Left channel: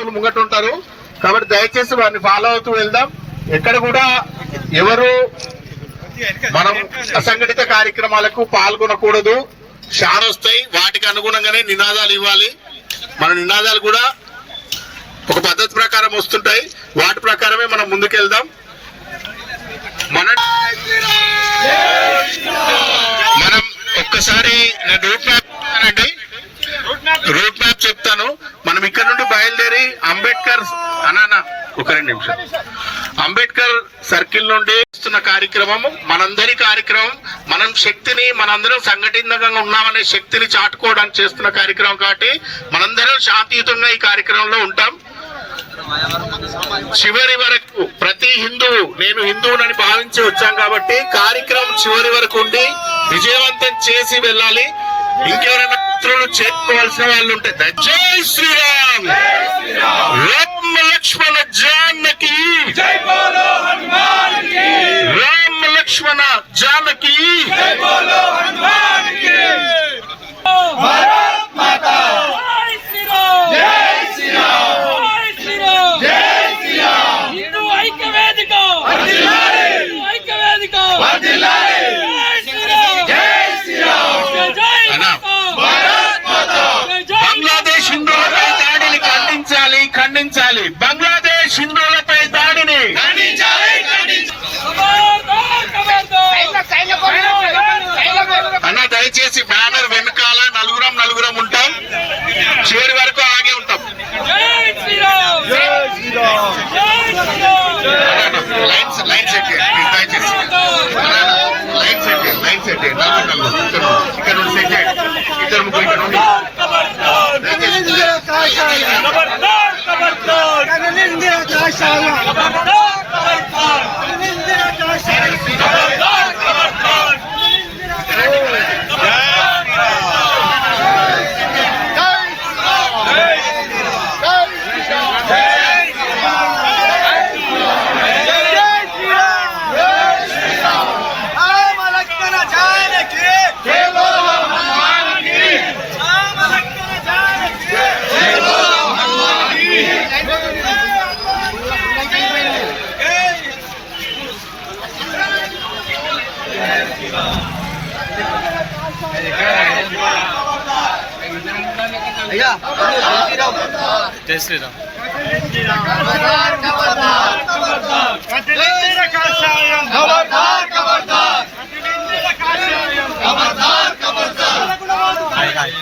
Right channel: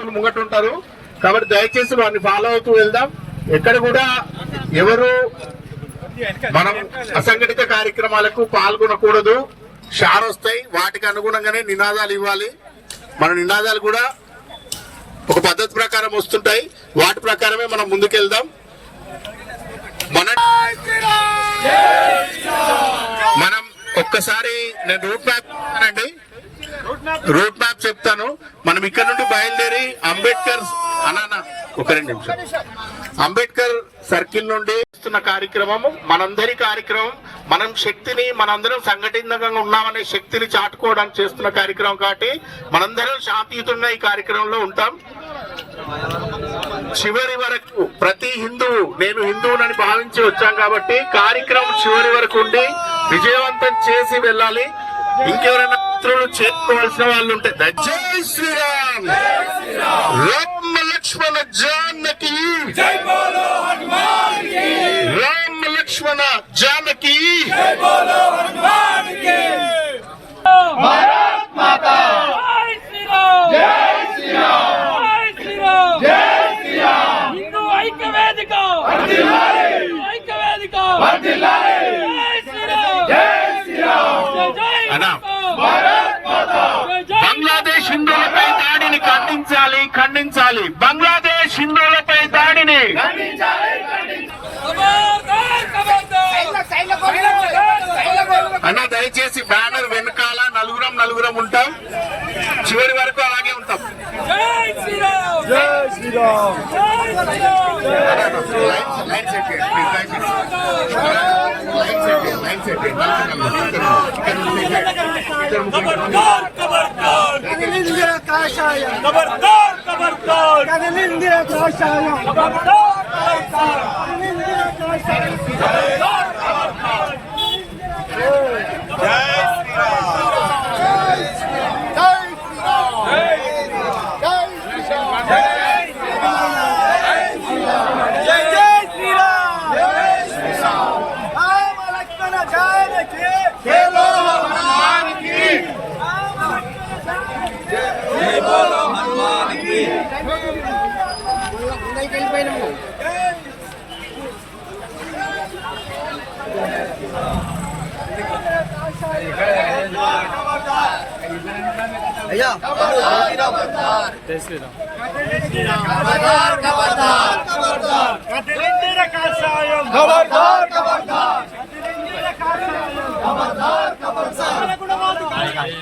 భక్తులు ముంగట ఉంటారు కాబట్టి దయచేసి వారిని ఫాలో అవుతూ వెళ్దాం. ఎక్కడ కూడా ఎవరు మనం అసంఘటిత కార్యక్రమాలకు పాల్గొనకూడదు. షార్ వస్తాయి, వాటికి అనుగుణంగానే నినాదాలు ఇవ్వాలి. మన నినాదాలు కూడా ఒక పద్ధతి ప్రకారం వస్తుంటాయి, వాటి ప్రకారమే మనం ముందుకెళ్దాం. మనం ఒక్కసారి నేను రూట్ మ్యాప్ చెప్తాను. మనం ఇక్కడ నుండి బయలుదేరి అంబేద్కర్ ఒక 2 నిమిషాలు అంబేద్కర్ సర్కిల్ నుండి వస్తున్న కార్యక్రమం మనందరి కార్యక్రమం. మనం శక్తిని మనందరం సంఘటితంగా ఉన్నామనే శక్తిని చాటుకోవడానికి చేస్తున్న కార్యక్రమం కాబట్టి మనందరం శాంతియుతంగా ఈ కార్యక్రమంలో ఉంటాం. చివరి వరకు ప్రతి హిందువు, నేను హిందువునని భావించి వచ్చాం కాబట్టి కార్యక్రమం చివరి వరకు ఉండి విజయవంతం చేసి వెళ్ళాలి. ఇంకెవరైనా మిత్రులు చేరుకోవాల్సిన వాళ్ళు ఉంటే జై శ్రీరామ్, రామ లక్ష్మణ జానకి, రామ లక్ష్మణ జానకి, భారత్ మాతా, బంగ్లాదేశ్ హిందువులపై దాడిని ఖండించాలి. బంగ్లాదేశ్ హిందువులపై దాడిని అన్న దయచేసి బ్యానర్ వెనకాల నలుగురం ఉంటాం, చివరి వరకు అలాగే ఉంటాం. లైన్ సెట్ దయచేసి లైన్ సెట్ ఇక్కడ నుండి ఇద్దరు ముగ్గురు ఇక్కడ నుండి జై శ్రీరామ్. హాయ్